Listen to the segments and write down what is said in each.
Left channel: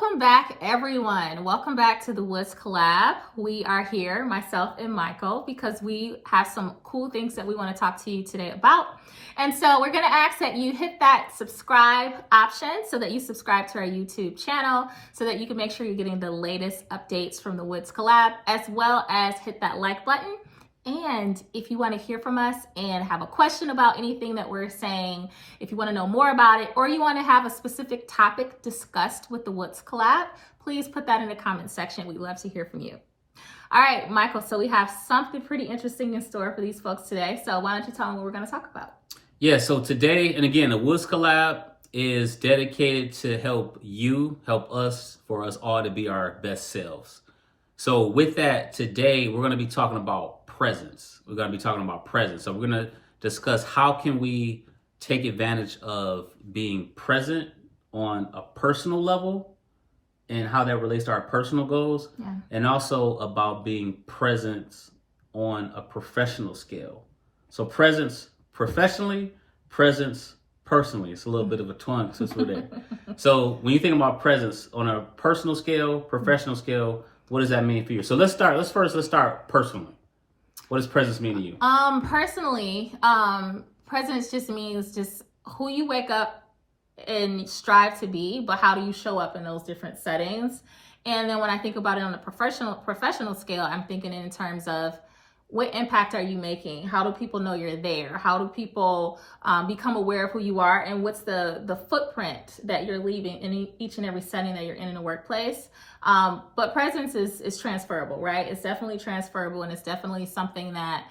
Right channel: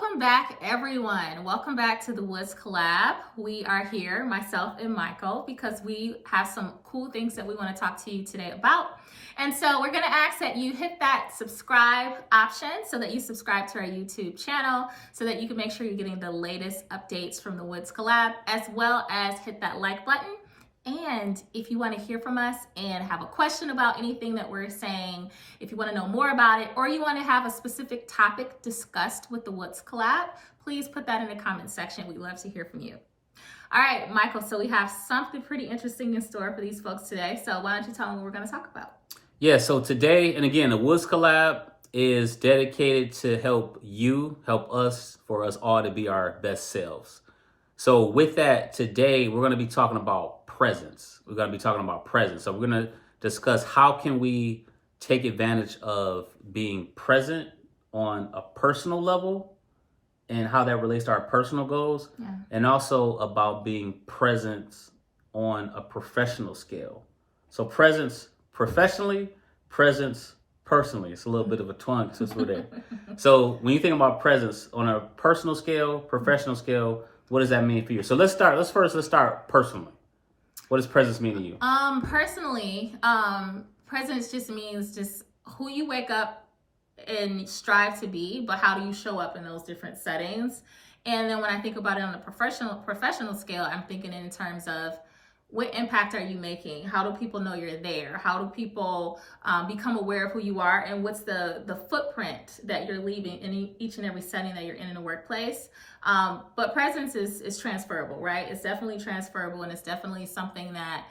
Welcome back, everyone. Welcome back to the Woods Collab. We are here, myself and Michael, because we have some cool things that we want to talk to you today about. And so we're going to ask that you hit that subscribe option so that you subscribe to our YouTube channel so that you can make sure you're getting the latest updates from the Woods Collab, as well as hit that like button. And if you want to hear from us and have a question about anything that we're saying, if you want to know more about it, or you want to have a specific topic discussed with the Woods Collab, please put that in the comment section. We'd love to hear from you. All right, Michael, so we have something pretty interesting in store for these folks today. So why don't you tell them what we're going to talk about? Yeah, so today, and again, the Woods Collab is dedicated to help us, for us all to be our best selves. So with that, today, we're going to be talking about presence. We're going to be talking about presence. So we're going to discuss how can we take advantage of being present on a personal level and how that relates to our personal goals, and also about being present on a professional scale. So presence professionally, presence personally. It's a little bit of a tongue twister there. So when you think about presence on a personal scale, professional scale, what does that mean for you? So let's start personally. What does presence mean to you? Personally, presence just means just who you wake up and strive to be, but how do you show up in those different settings? And then when I think about it on a professional scale, I'm thinking in terms of what impact are you making? How do people know you're there? How do people become aware of who you are? And what's the footprint that you're leaving in each and every setting that you're in the workplace? But presence is transferable, right? It's definitely transferable, and it's definitely something that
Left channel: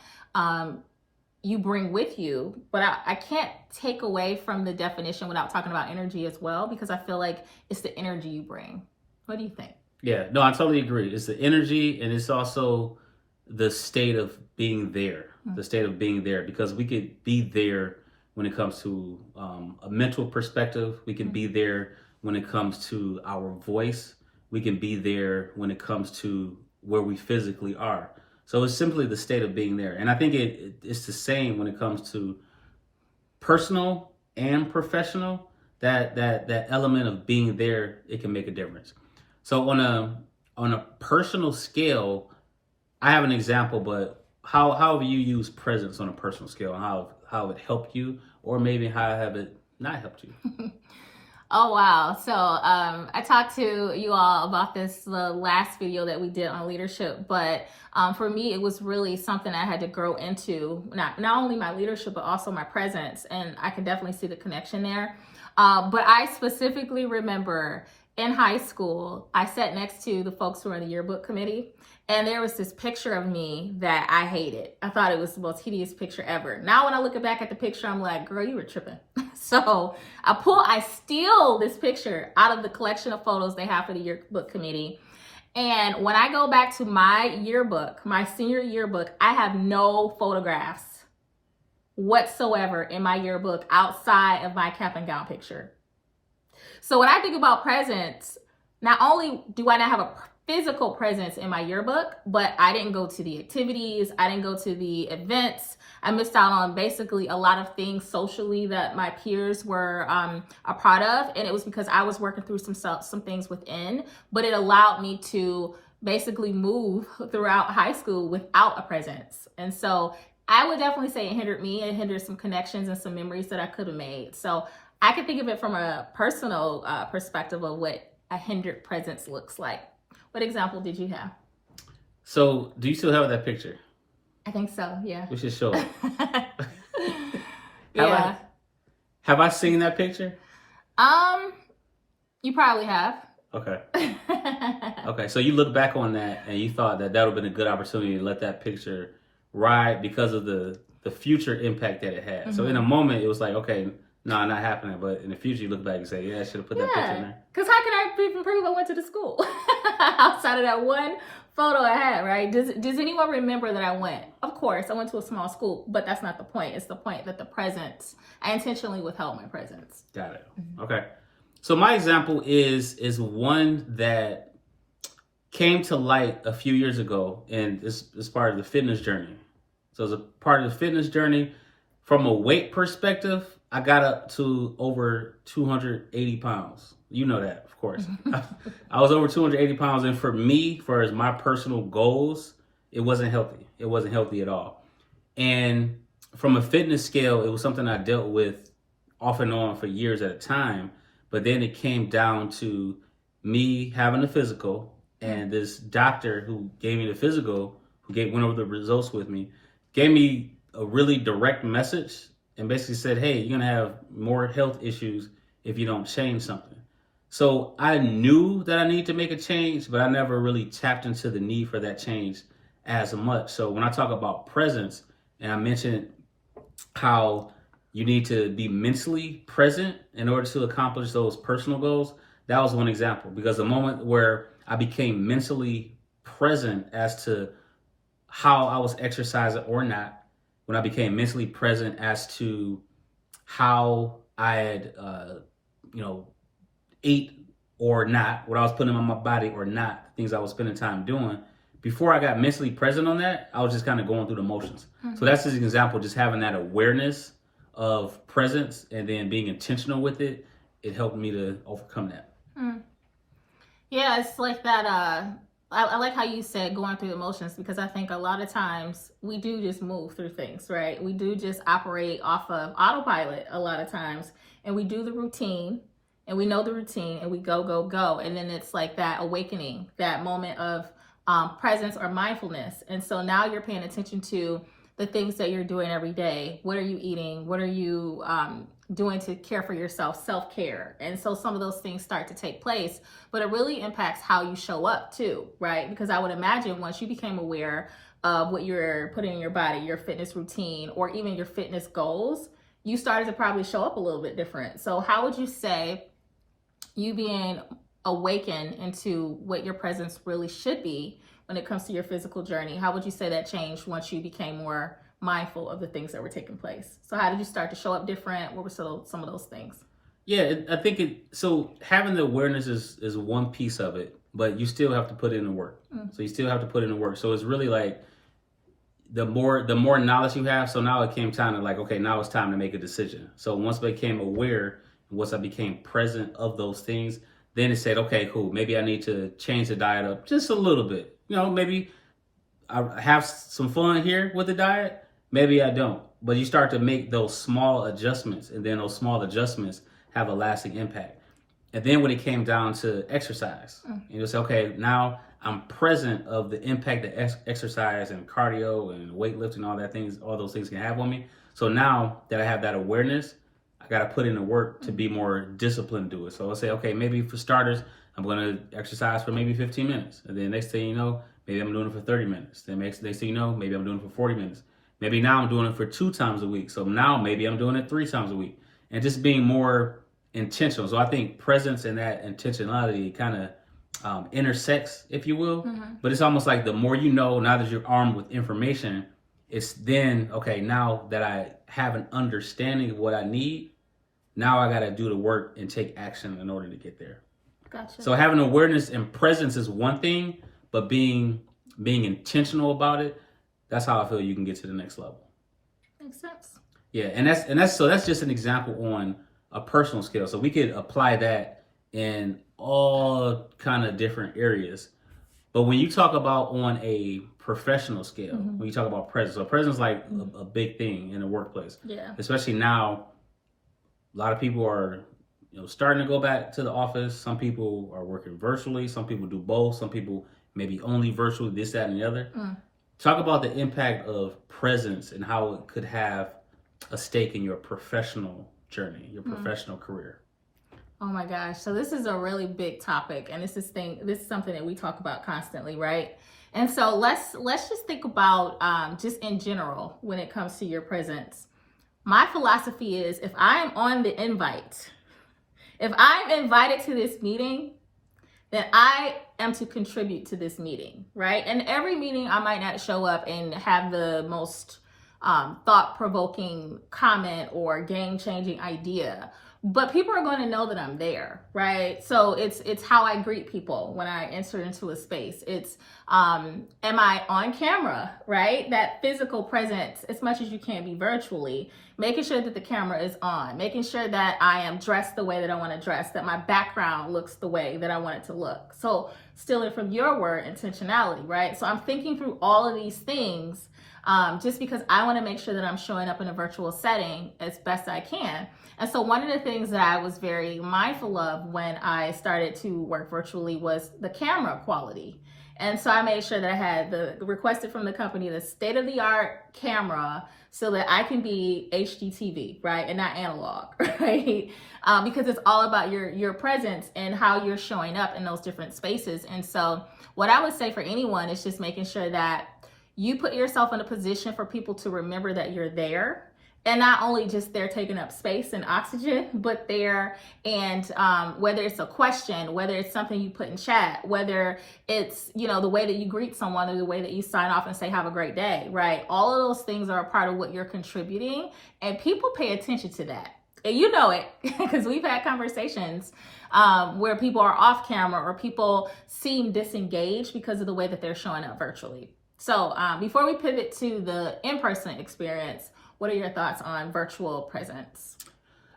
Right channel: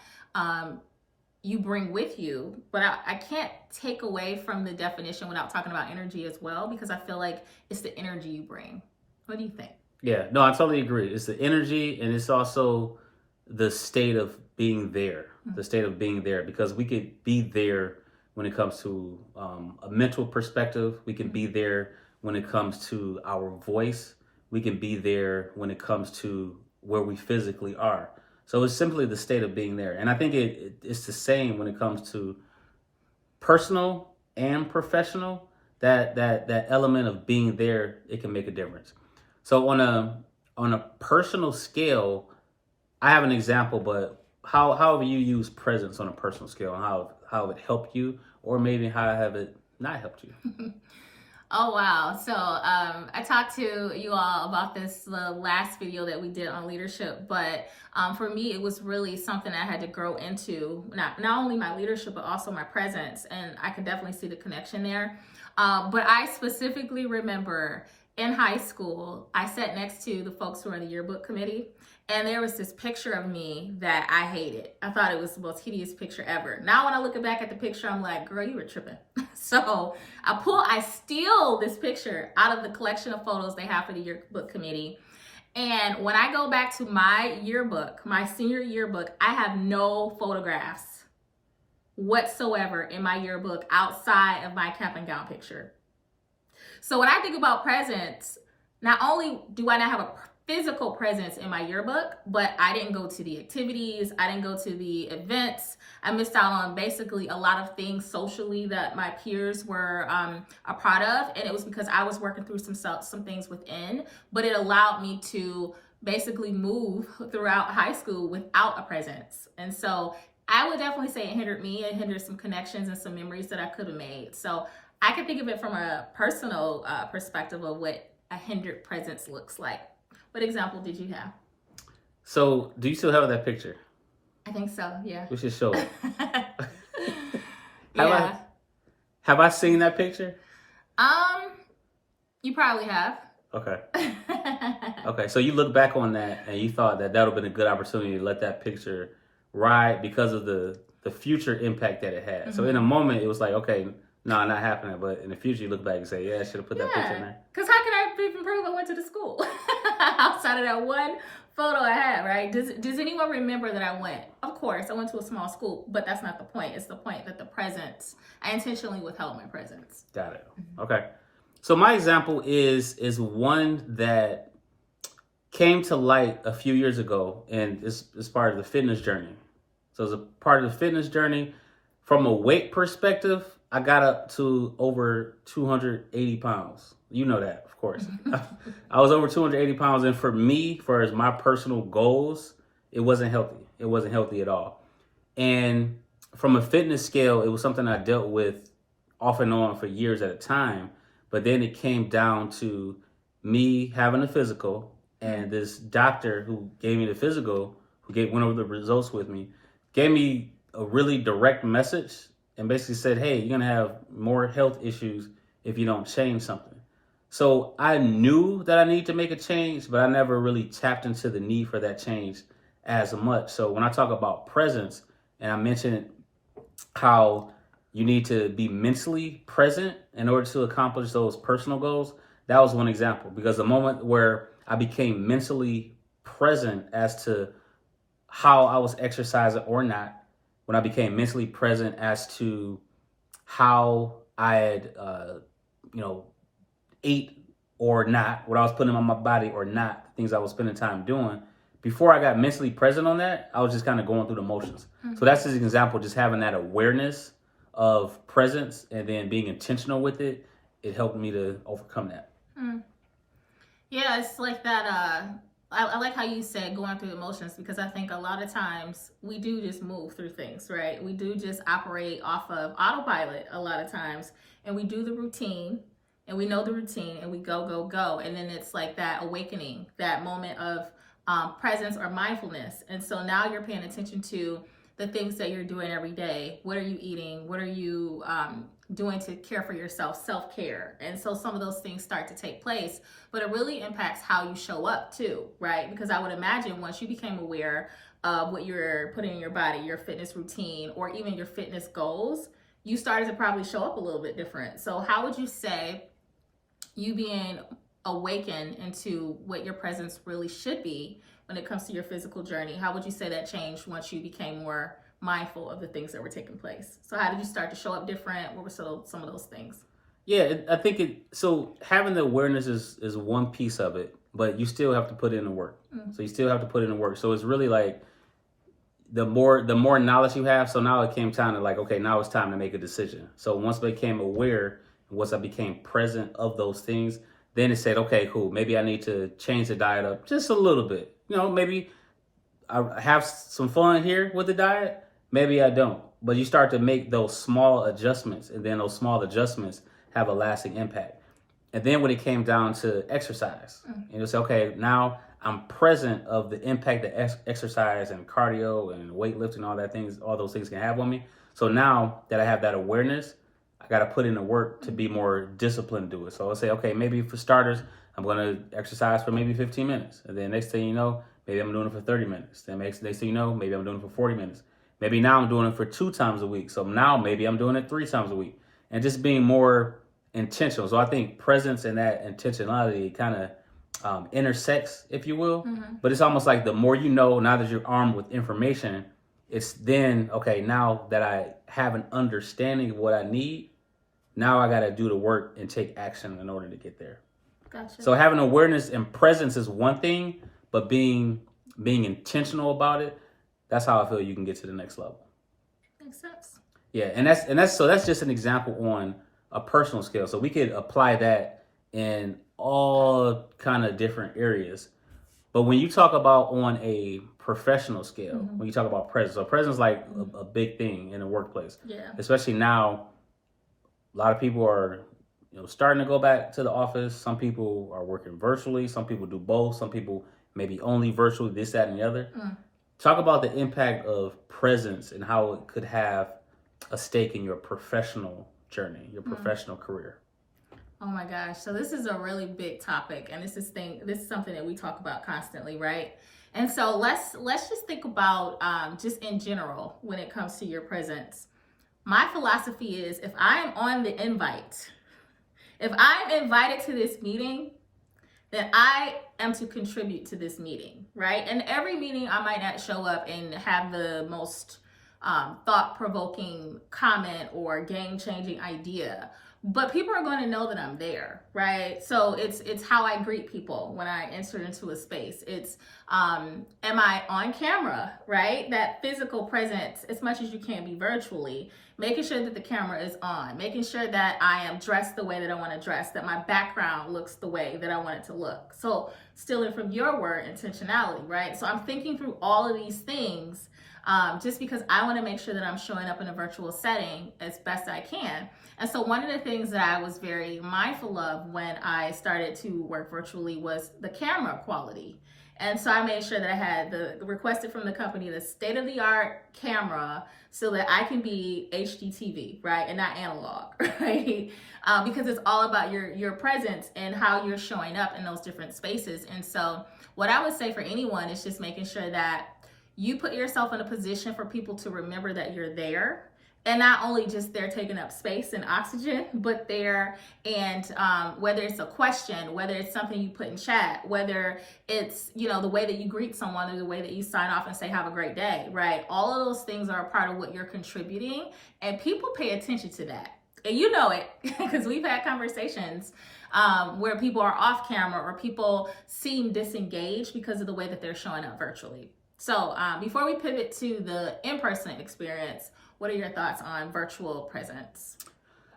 you bring with you. But I can't take away from the definition without talking about energy as well, because I feel like it's the energy you bring. What do you think? Yeah, no, I totally agree. It's the energy, and it's also the state of being there, because we could be there when it comes to a mental perspective. We can be there when it comes to our voice. We can be there when it comes to where we physically are. So it's simply the state of being there. And I think it's the same when it comes to personal and professional. That element of being there, it can make a difference. So on a personal scale, I have an example, but how have you used presence on a personal scale, and how it helped you, or maybe how have it not helped you? Oh, wow. So I talked to you all about this the last video that we did on leadership, but for me, it was really something I had to grow into, not only my leadership, but also my presence. And I can definitely see the connection there. But I specifically remember in high school, I sat next to the folks who were in the yearbook committee. And there was this picture of me that I hated. I thought it was the most hideous picture ever. Now when I look back at the picture, I'm like, girl, you were tripping. So I steal this picture out of the collection of photos they have for the yearbook committee. And when I go back to my yearbook, my senior yearbook, I have no photographs whatsoever in my yearbook outside of my cap and gown picture. So when I think about presence, not only do I not have a physical presence in my yearbook, but I didn't go to the activities, I didn't go to the events. I missed out on basically a lot of things socially that my peers were a part of, and it was because I was working through some things within, but it allowed me to basically move throughout high school without a presence. And so I would definitely say it hindered me. It hindered some connections and some memories that I could have made. So I can think of it from a personal perspective of what a hindered presence looks like. What example did you have? So do you still have that picture? I think so, yeah. We should show it. Yeah. Have I seen that picture? You probably have. Okay. Okay, so you look back on that and you thought that would have been a good opportunity to let that picture ride because of the future impact that it had. Mm-hmm. So in a moment, it was like, okay, no, not happening. But in the future, you look back and say, yeah, I should have put that picture in there. Because how can I even prove I went to the school outside of that one photo I had, right? Does anyone remember that I went? Of course, I went to a small school, but that's not the point. It's the point that the presence, I intentionally withheld my presence. Got it. Mm-hmm. Okay. So my example is one that came to light a few years ago, and it's part of the fitness journey. So as a part of the fitness journey, from a weight perspective, I got up to over 280 pounds. You know that, of course. I was over 280 pounds. And for me, for as my personal goals, it wasn't healthy. It wasn't healthy at all. And from a fitness scale, it was something I dealt with off and on for years at a time. But then it came down to me having a physical, and this doctor who gave me the physical, went over the results with me, gave me a really direct message and basically said, hey, you're going to have more health issues if you don't change something. So I knew that I needed to make a change, but I never really tapped into the need for that change as much. So when I talk about presence, and I mentioned how you need to be mentally present in order to accomplish those personal goals, that was one example. Because the moment where I became mentally present as to how I was exercising or not, when I became mentally present as to how I had, ate or not, what I was putting on my body or not, things I was spending time doing, before I got mentally present on that, I was just kind of going through the motions. So that's just an example, just having that awareness of presence and then being intentional with it. It helped me to overcome that. Yeah, it's like that. I like how you said going through emotions, because I think a lot of times we do just move through things, right? We do just operate off of autopilot a lot of times, and we do the routine, and we know the routine, and we go, go, go. And then it's like that awakening, that moment of presence or mindfulness. And so now you're paying attention to the things that you're doing every day. What are you eating? What are you doing to care for yourself, self-care? And so some of those things start to take place, but it really impacts how you show up too, right? Because I would imagine once you became aware of what you're putting in your body, your fitness routine, or even your fitness goals, you started to probably show up a little bit different. So how would you say you being awakened into what your presence really should be when it comes to your physical journey, how would you say that changed once you became more mindful of the things that were taking place? So how did you start to show up different? What were some of those things? Yeah, I think so having the awareness is one piece of it, but you still have to put in the work. So you still have to put in the work. So it's really like the more knowledge you have. So now it came time to like, okay, now it's time to make a decision. So once I became aware, once I became present of those things, then it said, okay, cool. Maybe I need to change the diet up just a little bit. Maybe I have some fun here with the diet. Maybe I don't. But you start to make those small adjustments, and then those small adjustments have a lasting impact. And then when it came down to exercise, and you say, okay, now I'm present of the impact that exercise and cardio and weightlifting, all those things can have on me. So now that I have that awareness, I got to put in the work to be more disciplined to it. So I'll say, okay, maybe for starters, I'm going to exercise for maybe 15 minutes. And then next thing you know, maybe I'm doing it for 30 minutes. Then next thing you know, maybe I'm doing it for 40 minutes. Maybe now I'm doing it for 2 times a week. So now maybe I'm doing it 3 times a week. And just being more intentional. So I think presence and that intentionality kind of intersects, if you will. But it's almost like the more you know, now that you're armed with information, it's then, okay, now that I have an understanding of what I need, now I got to do the work and take action in order to get there. Gotcha. So having awareness and presence is one thing, but being intentional about it, that's how I feel you can get to the next level. Makes sense. Yeah, and that's just an example on a personal scale. So we could apply that in all kind of different areas. But when you talk about on a professional scale, when you talk about presence, so presence is like a big thing in the workplace. Yeah. Especially now, a lot of people are starting to go back to the office. Some people are working virtually. Some people do both. Some people maybe only virtually, this, that, and the other. Talk about the impact of presence and how it could have a stake in your professional journey, your professional career. Oh my gosh. So this is a really big topic, and this is something that we talk about constantly, right? And so let's just think about just in general when it comes to your presence. My philosophy is if I am on the invite, if I'm invited to this meeting, then I am to contribute to this meeting, right? And every meeting I might not show up and have the most thought-provoking comment or game-changing idea. but people are going to know that I'm there, right? So it's how I greet people when I enter into a space. It's am I on camera, right? That physical presence, as much as you can be virtually, making sure that the camera is on, making sure that I am dressed the way that I want to dress, that my background looks the way that I want it to look. So stealing from your word, intentionality, right? So I'm thinking through all of these things just because I want to make sure that I'm showing up in a virtual setting as best I can. And so one of the things that I was very mindful of when I started to work virtually was the camera quality. And so I made sure that I had requested from the company the state-of-the-art camera so that I can be HDTV, right, and not analog, right? Because it's all about your presence and how you're showing up in those different spaces. And so what I would say for anyone is just making sure that you put yourself in a position for people to remember that you're there. And not only just they're taking up space and oxygen, but they're, and whether it's a question, whether it's something you put in chat, whether it's, the way that you greet someone or the way that you sign off and say, have a great day, right? All of those things are a part of what you're contributing, and people pay attention to that. And you know it, because we've had conversations where people are off camera or people seem disengaged because of the way that they're showing up virtually. So before we pivot to the in-person experience, what are your thoughts on virtual presence?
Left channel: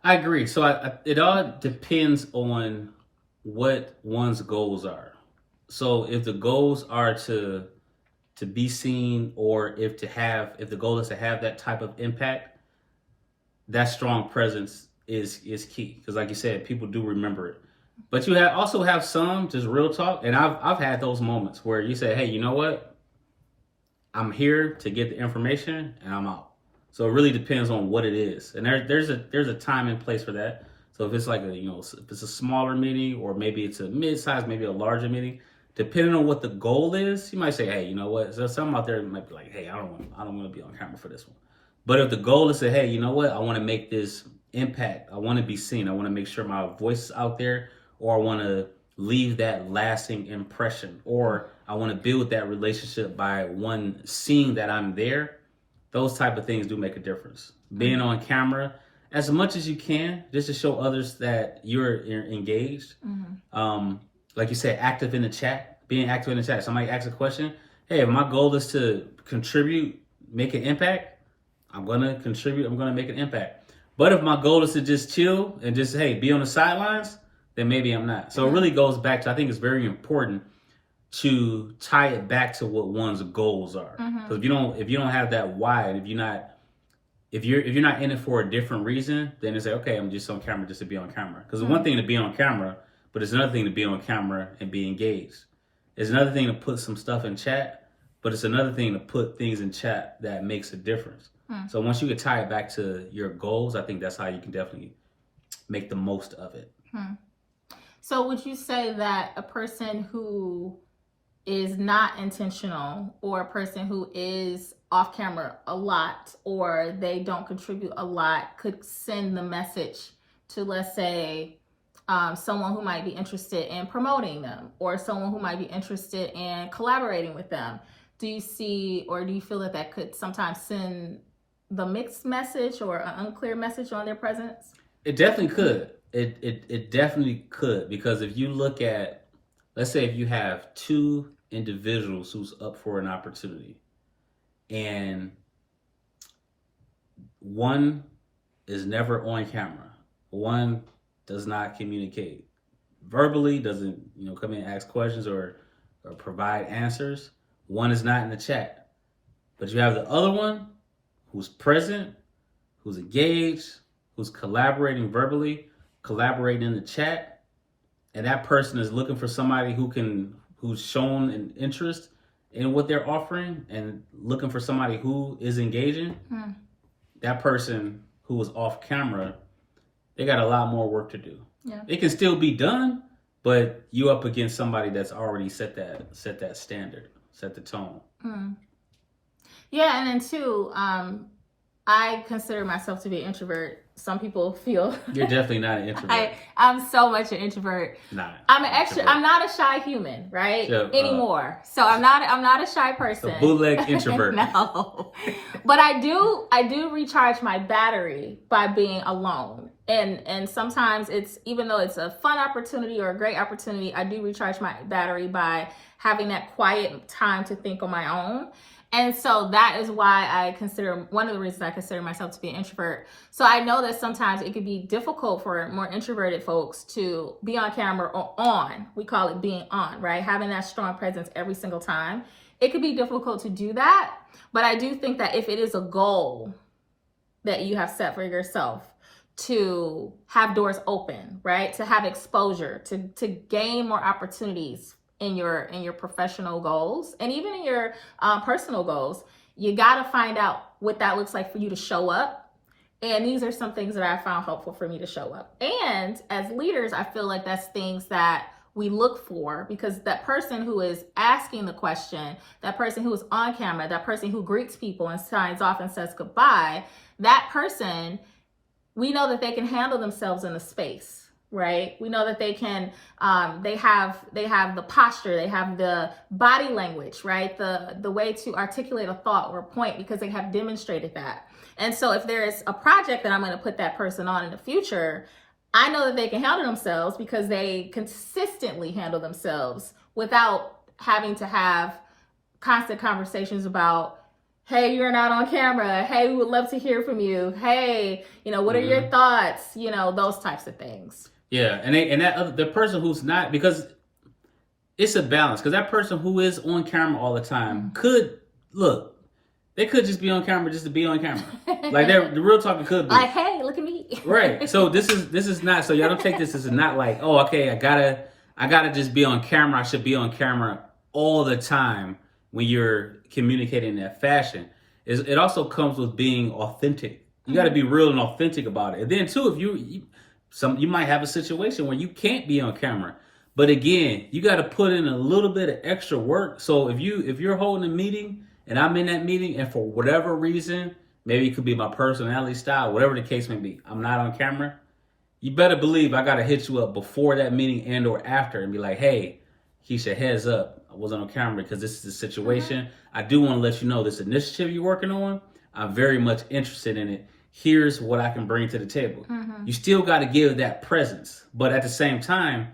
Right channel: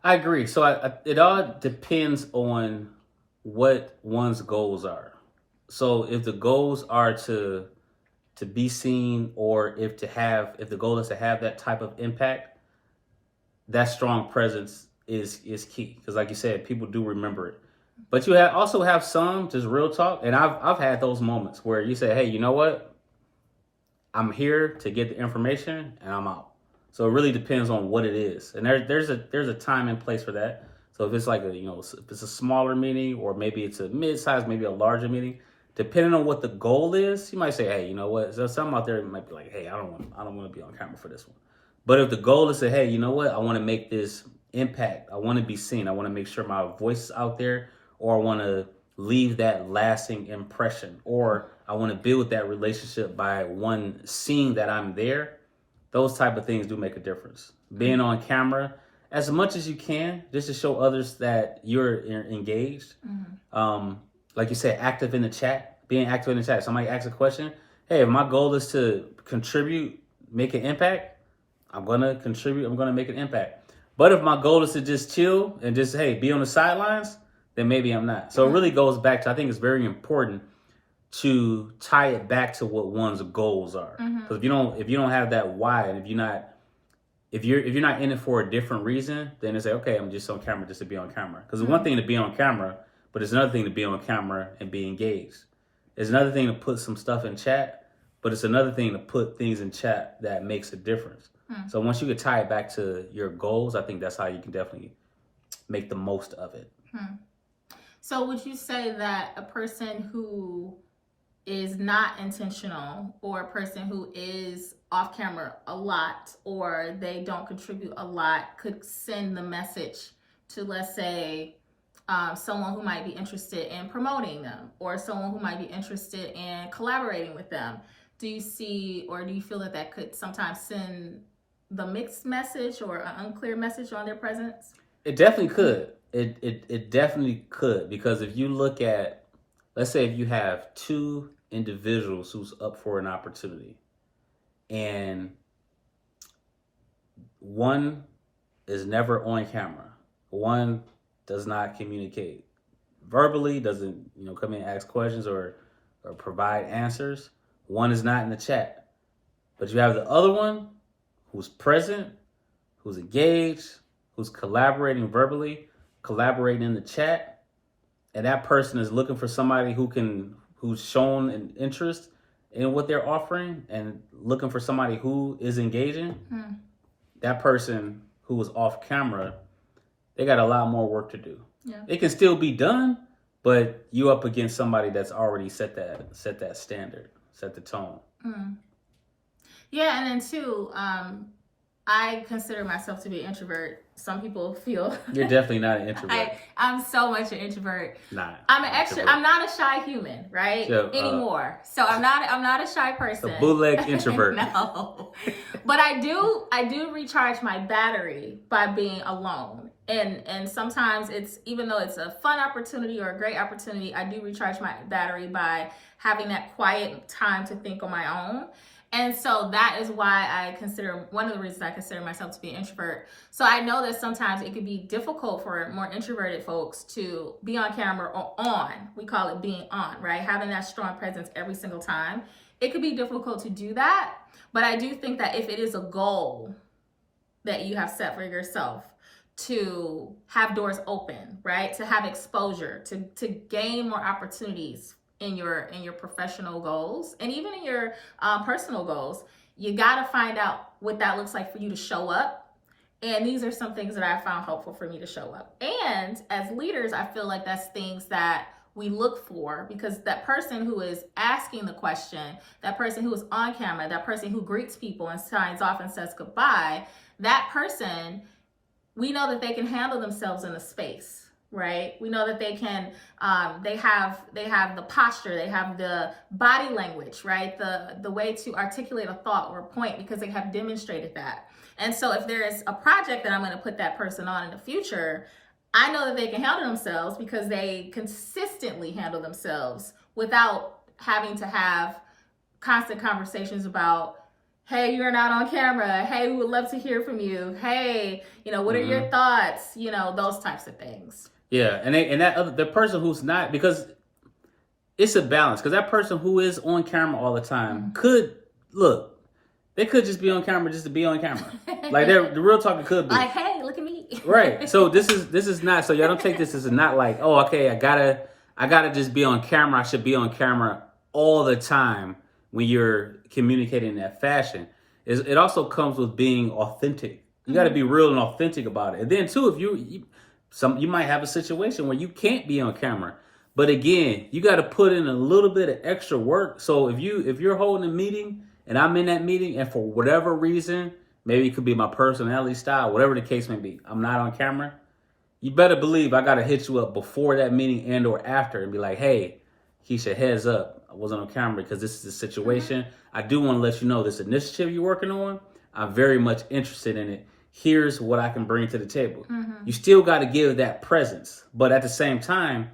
I agree. So it all depends on what one's goals are. So if the goals are to be seen, or if the goal is to have that type of impact, that strong presence is key. Because like you said, people do remember it. But you also have some just real talk, and I've had those moments where you say, hey, you know what? I'm here to get the information and I'm out. So it really depends on what it is. And there's a time and place for that. So if it's like if it's a smaller meeting, or maybe it's a mid-size, maybe a larger meeting, depending on what the goal is, you might say, hey, you know what? So some out there might be like, hey, I don't want to be on camera for this one. But if the goal is to, hey, you know what? I want to make this impact. I want to be seen. I want to make sure my voice is out there, or I want to leave that lasting impression, or I want to build that relationship by one seeing that I'm there. Those type of things do make a difference. Being on camera as much as you can, just to show others that you're engaged. Like you said, active in the chat, being active in the chat. Somebody asks a question. Hey, if my goal is to contribute, make an impact, I'm going to contribute. I'm going to make an impact. But if my goal is to just chill and just, hey, be on the sidelines, then maybe I'm not. So it really goes back to, I think it's very important to tie it back to what one's goals are. Because if you don't have that why, and if you're not in it for a different reason, then it's like, okay, I'm just on camera just to be on camera. Because it's one thing to be on camera, but it's another thing to be on camera and be engaged. It's another thing to put some stuff in chat, but it's another thing to put things in chat that makes a difference. So once you can tie it back to your goals, I think that's how you can definitely make the most of it. So would you say that a person who is not intentional, or a person who is off camera a lot, or they don't contribute a lot, could send the message to, let's say, someone who might be interested in promoting them, or someone who might be interested in collaborating with them? Do you see, or do you feel that could sometimes send the mixed message or an unclear message on their presence? It definitely could. It definitely could, because if you look at, let's say if you have two individuals who's up for an opportunity, and one is never on camera, one does not communicate verbally, doesn't come in and ask questions or provide answers, one is not in the chat, but you have the other one who's present, who's engaged, who's collaborating verbally, collaborating in the chat, and that person is looking for somebody who's shown an interest in what they're offering and looking for somebody who is engaging. That person who was off camera, they got a lot more work to do. It can still be done, but you up against somebody that's already set that standard, set the tone. Yeah, and then too, I consider myself to be an introvert, some people feel You're definitely not an introvert. I'm so much an introvert. Nah, I'm an extra. I'm not a shy human, right? So, anymore. So I'm not a shy person. A bootleg introvert. No, but I do recharge my battery by being alone. And sometimes it's, even though it's a fun opportunity or a great opportunity, I do recharge my battery by having that quiet time to think on my own. And so that is why I consider, one of the reasons I consider myself to be an introvert. So I know that sometimes it could be difficult for more introverted folks to be on camera or on. We call it being on, right? Having that strong presence every single time. It could be difficult to do that. But I do think that if it is a goal that you have set for yourself, to have doors open, right? To have exposure, to gain more opportunities in your professional goals and even in your personal goals, you got to find out what that looks like for you to show up. And these are some things that I found helpful for me to show up. And as leaders, I feel like that's things that we look for, because that person who is asking the question, that person who is on camera, that person who greets people and signs off and says goodbye, that person, we know that they can handle themselves in a space. Right? We know that they can, they have the posture, they have the body language, right? The way to articulate a thought or a point, because they have demonstrated that. And so if there's a project that I'm going to put that person on in the future, I know that they can handle themselves because they consistently handle themselves without having to have constant conversations about, hey, you're not on camera. Hey, we would love to hear from you. Hey, what are your thoughts? Those types of things. Yeah, the person who's not, because it's a balance, because that person who is on camera all the time they could just be on camera just to be on camera. Like the real talk, it could be like, hey, look at me. Right. So this is not, so y'all don't take this as not like, oh, okay, I gotta just be on camera. I should be on camera all the time when you're communicating in that fashion. It also comes with being authentic. You got to be real and authentic about it. And then too, if you might have a situation where you can't be on camera, but again, you got to put in a little bit of extra work. So if you're holding a meeting and I'm in that meeting, and for whatever reason, maybe it could be my personality style, whatever the case may be, I'm not on camera, you better believe I got to hit you up before that meeting and or after and be like, hey, Keisha, heads up, I wasn't on camera because this is the situation. I do want to let you know this initiative you're working on, I'm very much interested in it. Here's what I can bring to the table. You still got to give that presence. But at the same time,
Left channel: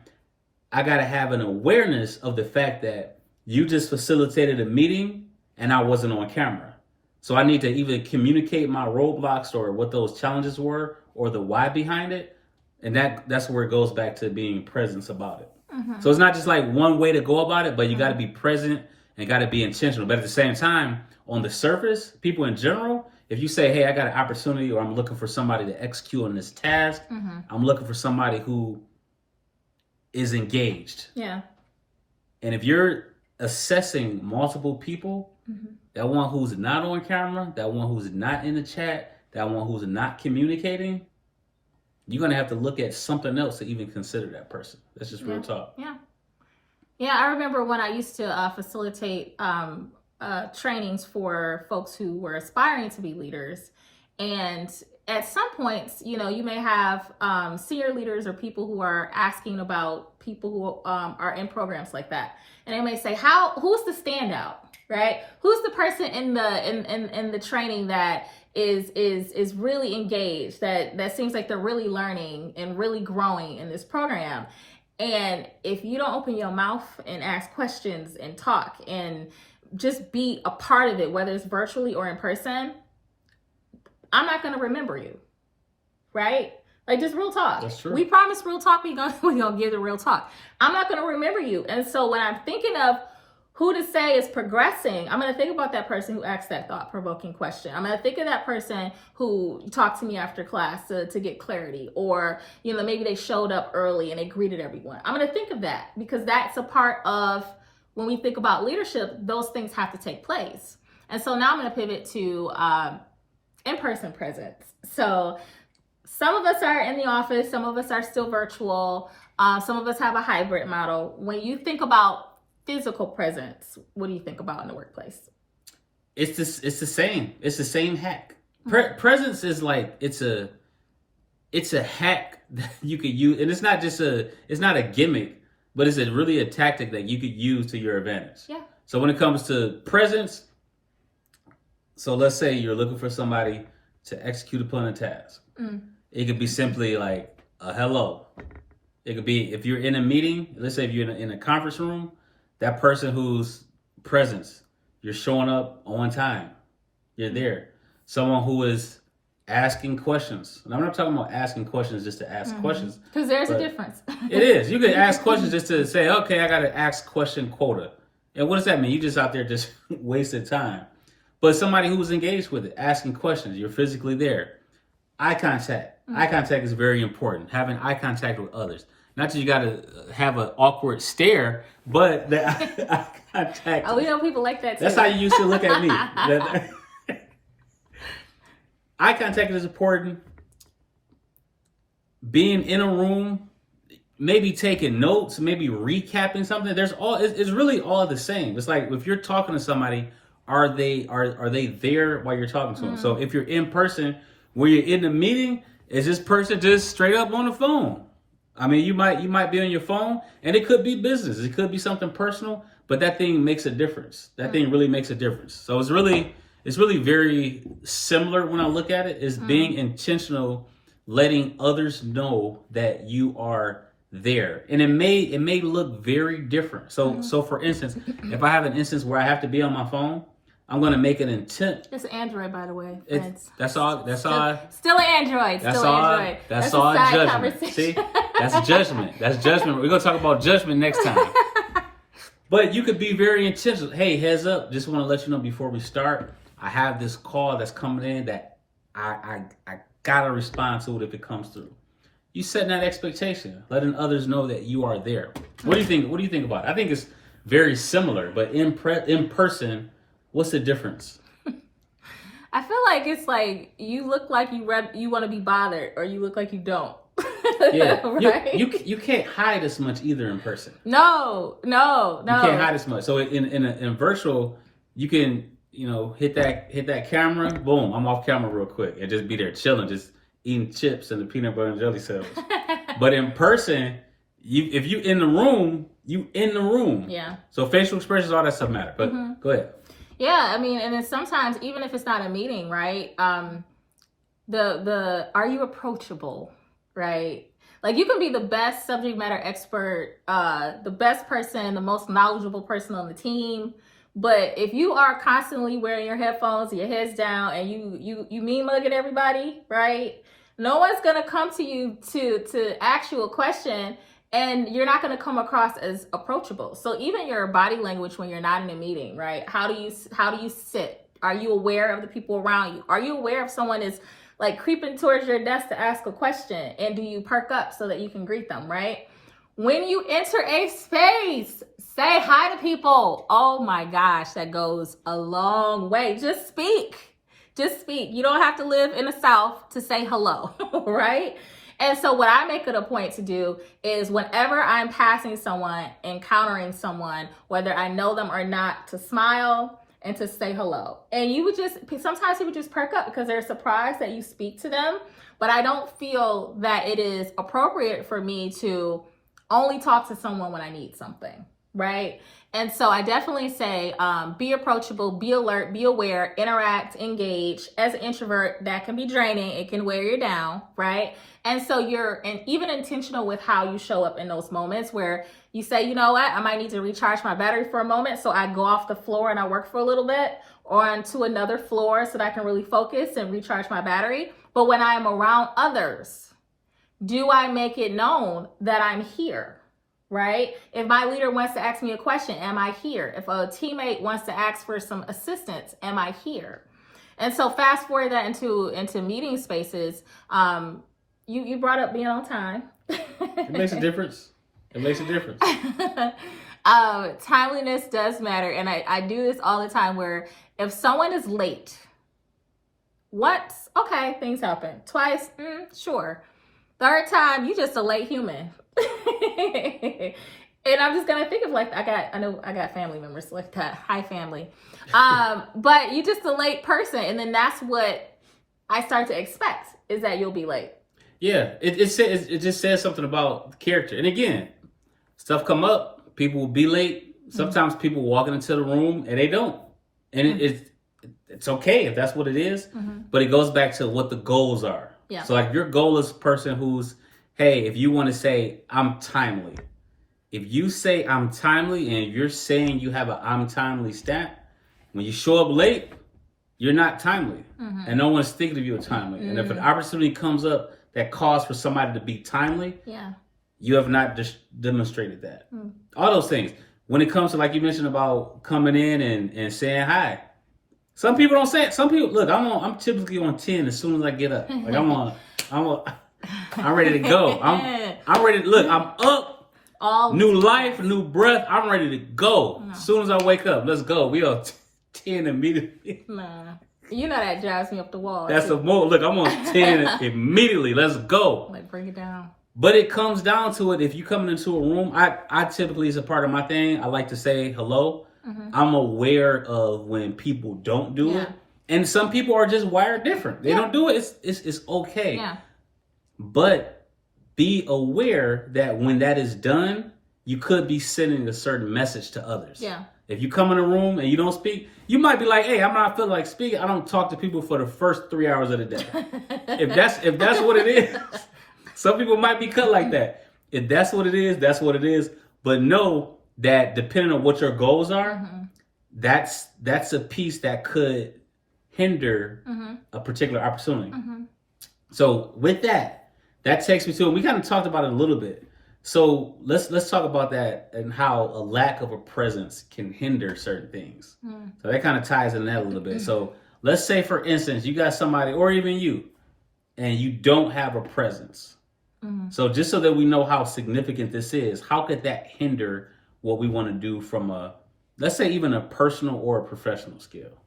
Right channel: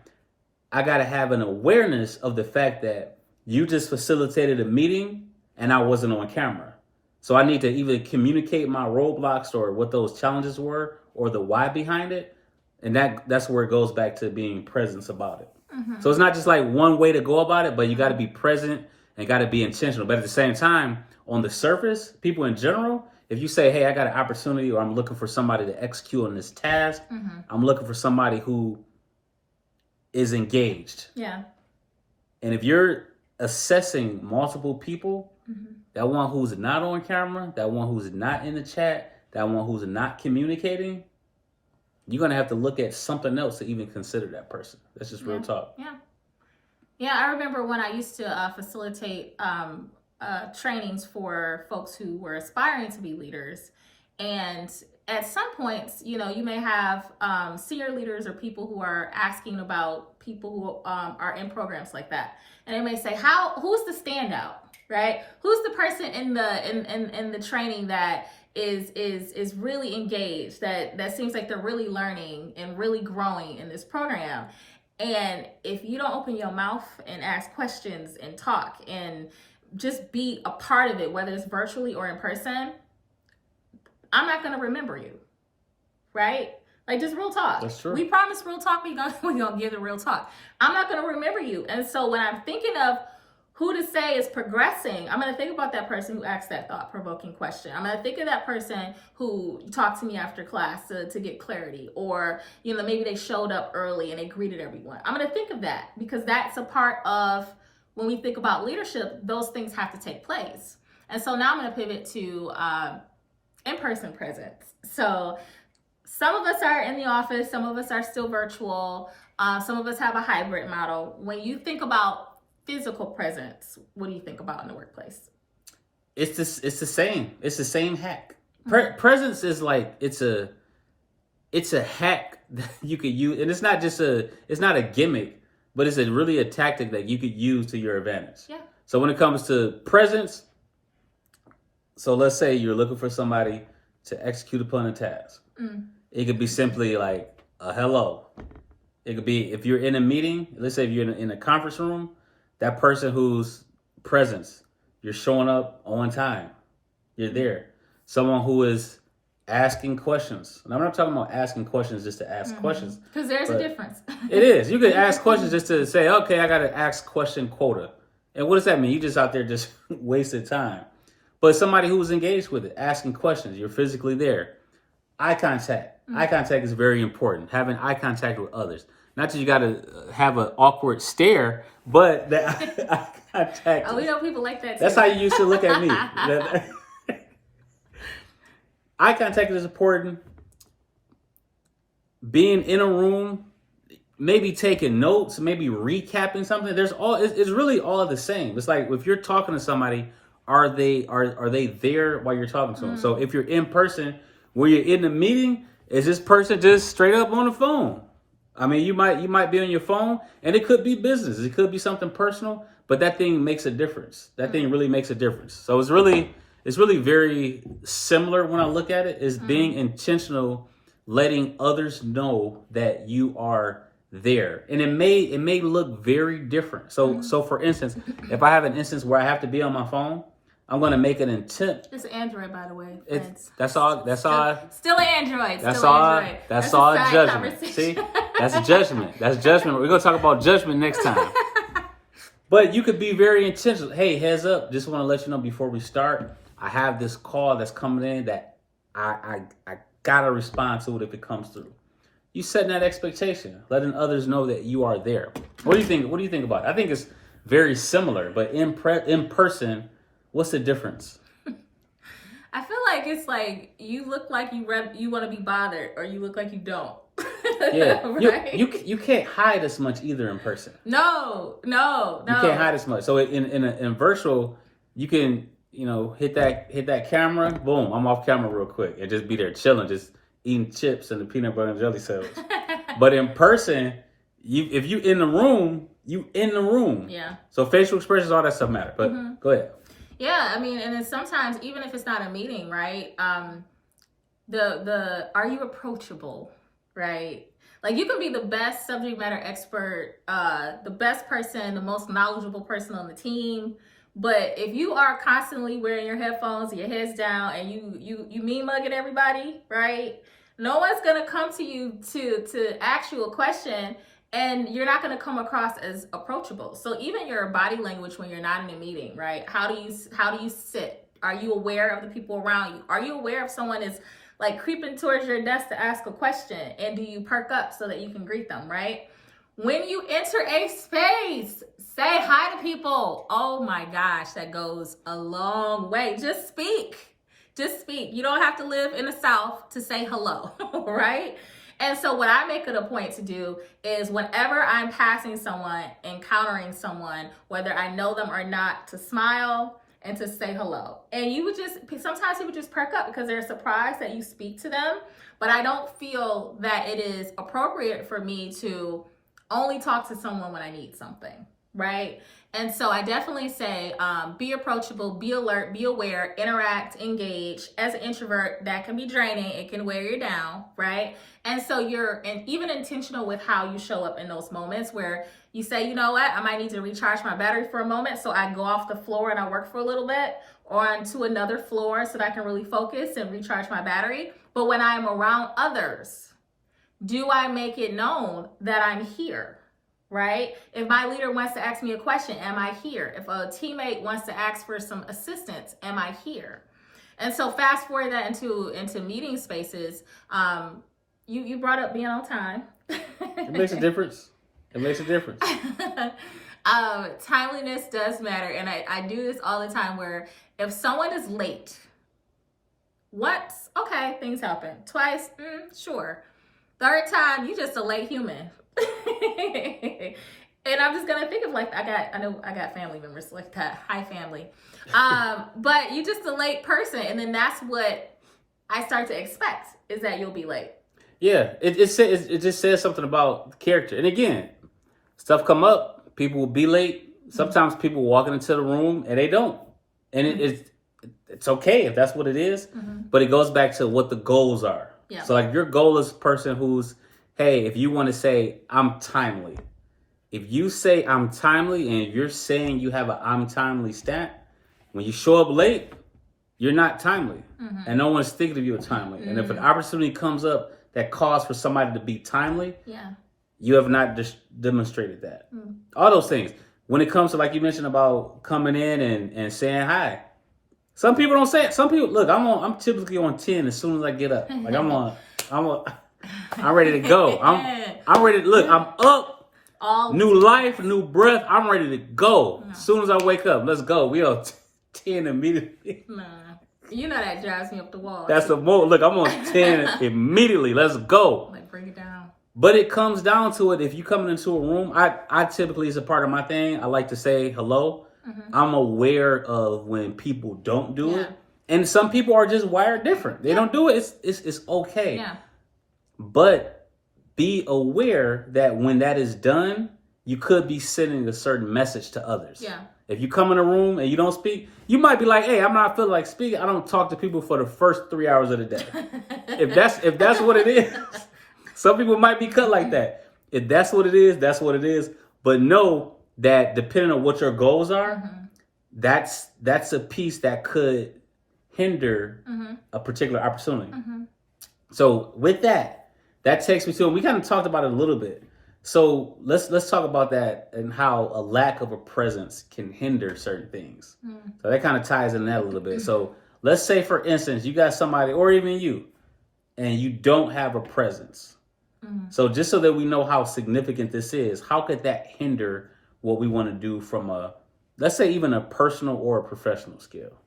I got to have an awareness of the fact that you just facilitated a meeting and I wasn't on camera. So I need to either communicate my roadblocks or what those challenges were or the why behind it. And that's where it goes back to being presence about it. So it's not just like one way to go about it, but you got to be present and got to be intentional. But at the same time, on the surface, people in general, if you say, hey, I got an opportunity or I'm looking for somebody to execute on this task, I'm looking for somebody who is engaged. Yeah. And if you're assessing multiple people, that one who's not on camera, that one who's not in the chat, that one who's not communicating, you're going to have to look at something else to even consider that person. That's just real talk. Yeah. Yeah, I remember when I used to facilitate trainings for folks who were aspiring to be leaders. And at some points, you may have senior leaders or people who are asking about people who are in programs like that. And they may say, who's the standout, right? Who's the person in the training that is really engaged, that seems like they're really learning and really growing in this program? And if you don't open your mouth and ask questions and talk and just be a part of it, whether it's virtually or in person, I'm not going to remember you, right? Like, just real talk. That's true. We promise real talk. We're going to give the real talk. I'm not going to remember you. And so when I'm thinking of who to say is progressing, I'm going to think about that person who asked that thought-provoking question. I'm going to think of that person who talked to me after class to get clarity, or, maybe they showed up early and they greeted everyone. I'm going to think of that because that's a part of, when we think about leadership, those things have to take place. And so now I'm going to pivot to in-person presence. So some of us are in the office, some of us are still virtual, some of us have a hybrid model. When you think about physical presence, what do you think about in the workplace? It's the same. It's the same hack. Presence is like, it's a it's a hack that you could use, and it's not a gimmick, but it's really a tactic that you could use to your advantage. Yeah. So when it comes to presence, so let's say you're looking for somebody to execute upon a task. It could be simply like a hello. It could be if you're in a meeting, let's say if you're in a conference room, that person whose presence, you're showing up on time. You're there. Someone who is asking questions. And I'm not talking about asking questions just to ask questions. Because there's a difference. It is. You can ask questions just to say, okay, I got to ask question quota. And what does that mean? You just out there just wasted time. But somebody who's engaged with it, asking questions, you're physically there. Eye contact. Eye contact is very important. Having eye contact with others. Not that you got to have an awkward stare, but the eye contact. Oh, we know people like that too. That's how you used to look at me. Eye contact is important. Being in a room, maybe taking notes, maybe recapping something. It's really all the same. It's like if you're talking to somebody, are they there while you're talking to them? So if you're in person, when you're in the meeting, is this person just straight up on the phone? I mean, you might be on your phone, and it could be business. It could be something personal, but that thing makes a difference. That thing really makes a difference. So it's really very similar when I look at it, is being intentional, letting others know that you are there. And it may look very different. So for instance, if I have an instance where I have to be on my phone, I'm going to make an intent. It's Android, by the way. That's all. Still an Android. That's still all. Android. That's all a side judgment. See, that's judgment. That's judgment. We're going to talk about judgment next time. But you could be very intentional. Hey, heads up. Just want to let you know before we start, I have this call that's coming in that I got to respond to it if it comes through. You setting that expectation, letting others know that you are there. What do you think? What do you think about it? I think it's very similar, but in person, what's the difference? I feel like it's like you look like you want to be bothered, or you look like you don't. Yeah, right? you can't hide as much either in person. No. You can't hide as much. So in virtual, you can hit that camera, boom, I'm off camera real quick, and just be there chilling, just eating chips and the peanut butter and jelly sandwich. But in person, if you in the room, you in the room. Yeah. So facial expressions, all that stuff matter. But go ahead. Yeah, I mean, and then sometimes even if it's not a meeting, right? The are you approachable, right? Like you can be the best subject matter expert, the best person, the most knowledgeable person on the team. But if you are constantly wearing your headphones, your head's down, and you mean mugging everybody, right? No one's gonna come to you to ask you a question, and you're not gonna come across as approachable. So even your body language when you're not in a meeting, right? How do you sit? Are you aware of the people around you? Are you aware if someone is like creeping towards your desk to ask a question, and do you perk up so that you can greet them, right? When you enter a space, say hi to people. Oh my gosh, that goes a long way. Just speak. You don't have to live in the South to say hello, right? And so what I make it a point to do is whenever I'm passing someone, encountering someone, whether I know them or not, to smile and to say hello. And sometimes people just perk up because they're surprised that you speak to them. But I don't feel that it is appropriate for me to only talk to someone when I need something, right? And so I definitely say be approachable, be alert, be aware, interact, engage. As an introvert, that can be draining. It can wear you down, right? And so you're even intentional with how you show up in those moments where you say, you know what, I might need to recharge my battery for a moment. So I go off the floor and I work for a little bit, or onto another floor so that I can really focus and recharge my battery. But when I'm around others, do I make it known that I'm here? Right? If my leader wants to ask me a question, am I here? If a teammate wants to ask for some assistance, am I here? And so fast forward that into meeting spaces. You brought up being on time. It makes a difference. Timeliness does matter. And I do this all the time where if someone is late, once, okay, things happen. Twice, sure. Third time, you just a late human. And I'm just gonna think of like I know I got family members like that. Hi, family. But you just a late person, and then that's what I start to expect is that you'll be late. Yeah, it just says something about character. And again, stuff come up, people will be late. Sometimes people walking into the room and they don't, and it's okay if that's what it is. But it goes back to what the goals are. Yeah. So like your goal is a person who's, hey, if you want to say I'm timely, if you say I'm timely and you're saying you have a I'm timely stat, when you show up late, you're not timely, and no one's thinking of you as timely. And if an opportunity comes up that calls for somebody to be timely, you have not demonstrated that. All those things. When it comes to, like you mentioned about coming in and saying hi, some people don't say it. Some people, look, I'm typically on 10 as soon as I get up. Like I'm ready to go. I'm ready to look. I'm up. New life, new breath. I'm ready to go. As soon as I wake up, let's go. We are 10 immediately. Nah. You know that drives me up the wall. That's a more. Look, I'm on 10 immediately. Let's go. Like, bring it down. But it comes down to it. If you coming into a room, I typically, as a part of my thing, I like to say hello. I'm aware of when people don't do it. And some people are just wired different. They don't do it. It's okay. Yeah. But be aware that when that is done, you could be sending a certain message to others. Yeah. If you come in a room and you don't speak, you might be like, hey, I'm not feeling like speaking. I don't talk to people for the first 3 hours of the day. If that's what it is, some people might be cut like that. If that's what it is, that's what it is. But know that depending on what your goals are, that's a piece that could hinder a particular opportunity. So with that takes me to, we kind of talked about it a little bit. So let's talk about that and how a lack of a presence can hinder certain things. So that kind of ties in that a little bit. So let's say, for instance, you got somebody, or even you, and you don't have a presence. So just so that we know how significant this is, how could that hinder what we want to do from a, let's say, even a personal or a professional scale?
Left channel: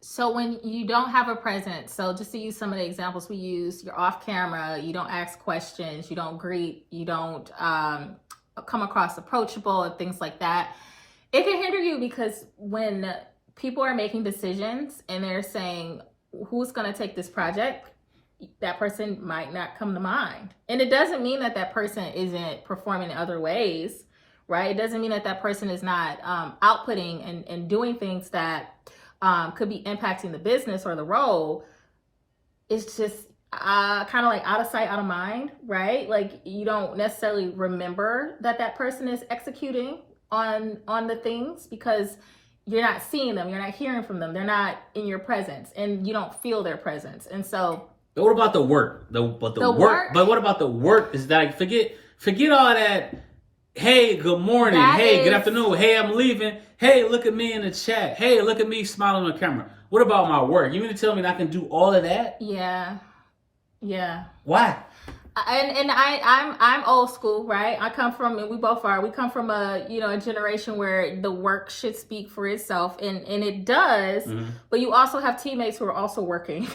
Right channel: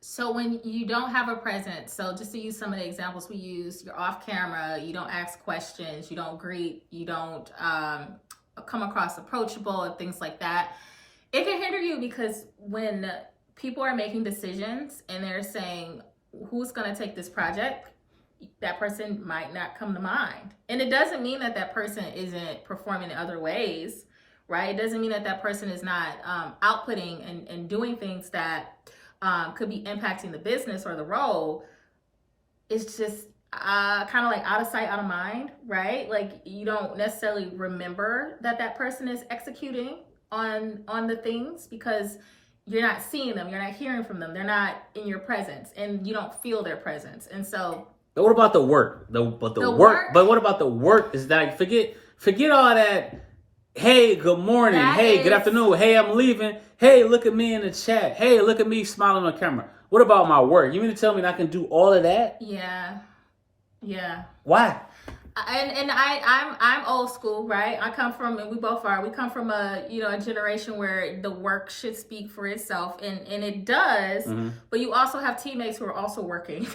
So when you don't have a presence, so just to use some of the examples we use, you're off camera, you don't ask questions, you don't greet, you don't come across approachable and things like that. It can hinder you because when people are making decisions and they're saying, who's going to take this project? That person might not come to mind. And it doesn't mean that that person isn't performing in other ways, right? It doesn't mean that that person is not outputting and doing things that could be impacting the business or the role. It's just kind of like out of sight, out of mind, right? Like you don't necessarily remember that that person is executing on the things because you're not seeing them, you're not hearing from them, they're not in your presence, and you don't feel their presence. And so, but what about the work? But what about the work? Is that forget all that? Hey, good morning. Hey, good afternoon. Hey, I'm leaving. Hey, look at me in the chat. Hey, look at me smiling on the camera. What about my work? You mean to tell me I can do all of that? Yeah. Why? And I'm old school, right? I come from, and we both are. We come from a generation where the work should speak for itself, and it does. But you also have teammates who are also working.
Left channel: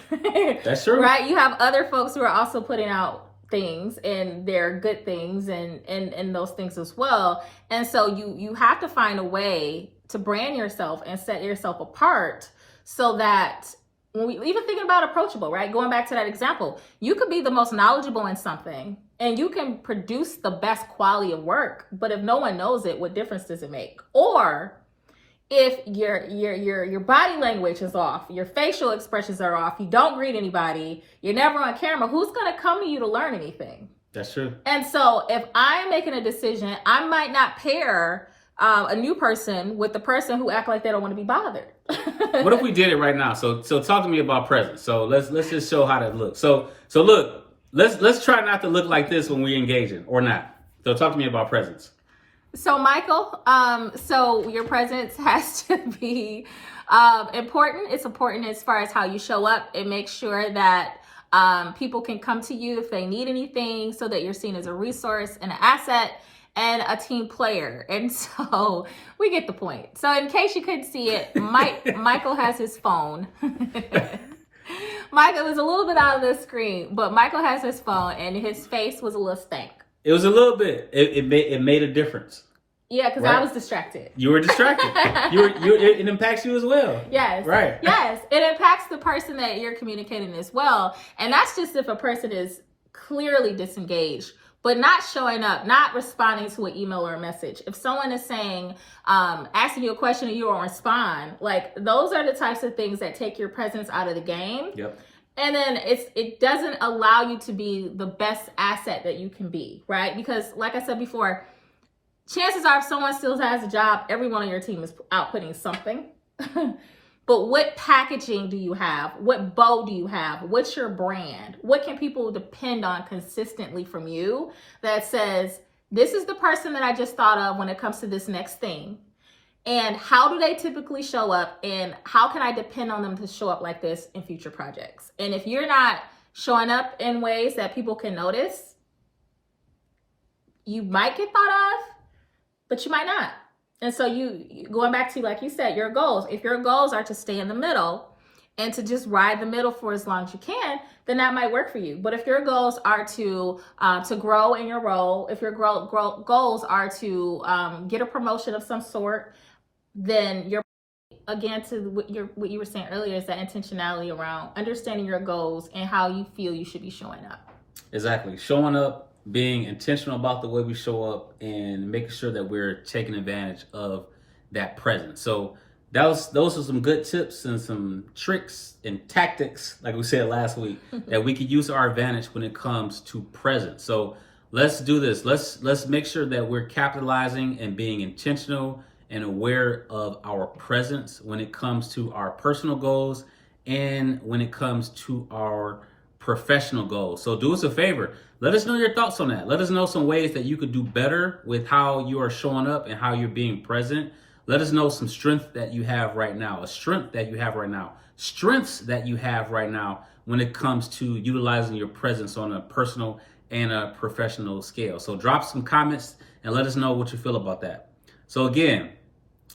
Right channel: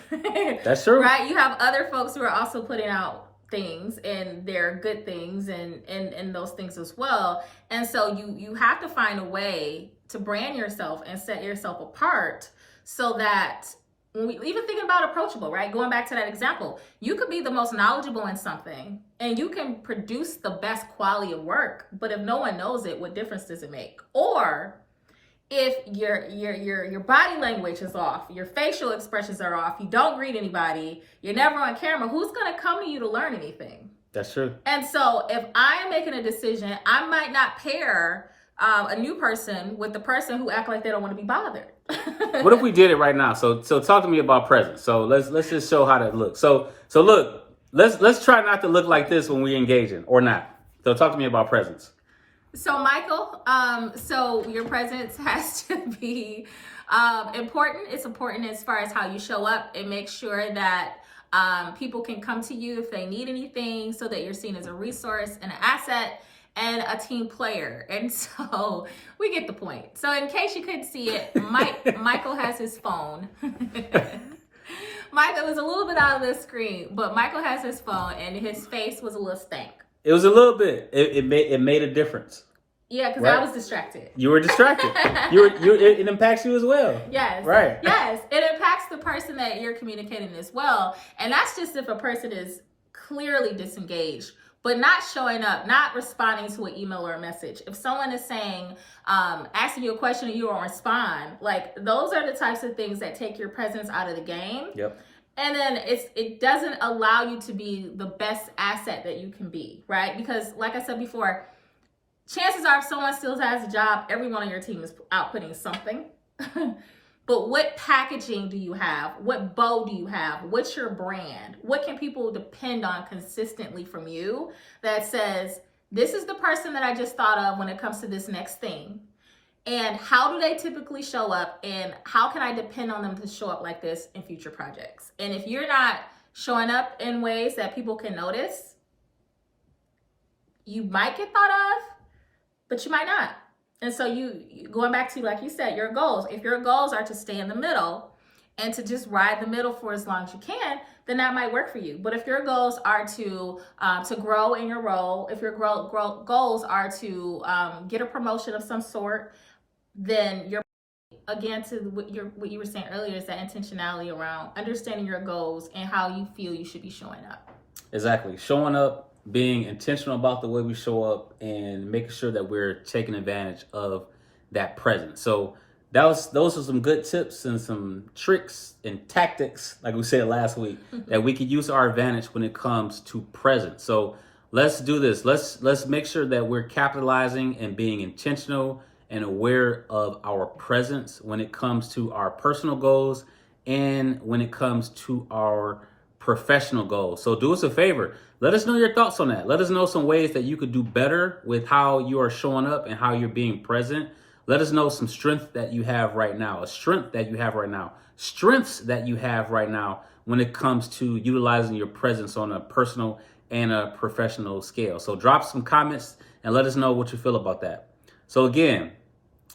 That's true, right? You have other folks who are also putting out things, and they're good things, and those things as well. And so you have to find a way to brand yourself and set yourself apart, so that when we even thinking about approachable, right? Going back to that example, you could be the most knowledgeable in something and you can produce the best quality of work, but if no one knows it, what difference does it make? Or if your body language is off, your facial expressions are off, you don't greet anybody, you're never on camera, who's going to come to you to learn anything? That's true. And so if I'm making a decision, I might not pair a new person with the person who act like they don't want to be bothered. What if we did it right now? So talk to me about presence. So let's just show how that looks. So look, let's try not to look like this when we engaging or not. So talk to me about presence. So Michael, so your presence has to be important. It's important as far as how you show up and make sure that people can come to you if they need anything, so that you're seen as a resource and an asset and a team player. And so we get the point. So in case you couldn't see it, Michael has his phone. Michael was a little bit out of the screen, but Michael has his phone and his face was a little stank. It was a little bit. It made a difference. Yeah, because Right. I was distracted. You were distracted. It impacts you as well. Yes. Right. Yes. It impacts the person that you're communicating as well. And that's just if a person is clearly disengaged, but not showing up, not responding to an email or a message. If someone is saying, asking you a question and you don't respond, like those are the types of things that take your presence out of the game. Yep. And then it doesn't allow you to be the best asset that you can be, right? Because like I said before, chances are if someone still has a job, everyone on your team is outputting something. But what packaging do you have? What bow do you have? What's your brand? What can people depend on consistently from you that says, this is the person that I just thought of when it comes to this next thing? And how do they typically show up? And how can I depend on them to show up like this in future projects? And if you're not showing up in ways that people can notice, you might get thought of, but you might not. And so you going back to, like you said, your goals. If your goals are to stay in the middle and to just ride the middle for as long as you can, then that might work for you. But if your goals are to grow in your role, if your goals are to get a promotion of some sort, then you're, again, to what you were saying earlier, is that intentionality around understanding your goals and how you feel you should be showing up. Exactly. Showing up, being intentional about the way we show up, and making sure that we're taking advantage of that presence. So those are some good tips and some tricks and tactics, like we said last week, that we could use to our advantage when it comes to presence. So let's do this. Let's make sure that we're capitalizing and being intentional and aware of our presence when it comes to our personal goals and when it comes to our professional goals. So do us a favor. Let us know your thoughts on that. Let us know some ways that you could do better with how you are showing up and how you're being present. Let us know some strength that you have right now, strengths that you have right now when it comes to utilizing your presence on a personal and a professional scale. So drop some comments and let us know what you feel about that. So again,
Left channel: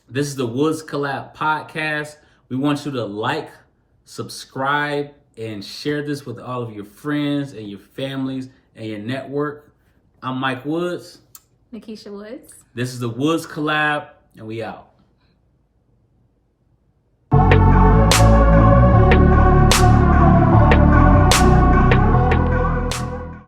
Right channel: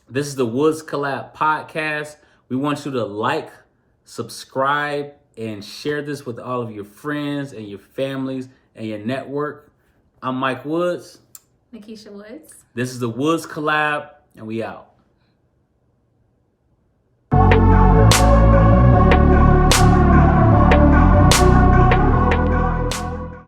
this is the Woods Collab podcast. We want you to like, subscribe, and share this with all of your friends and your families and your network. I'm Mike Woods. Nikisha Woods. This is the Woods Collab, and we out.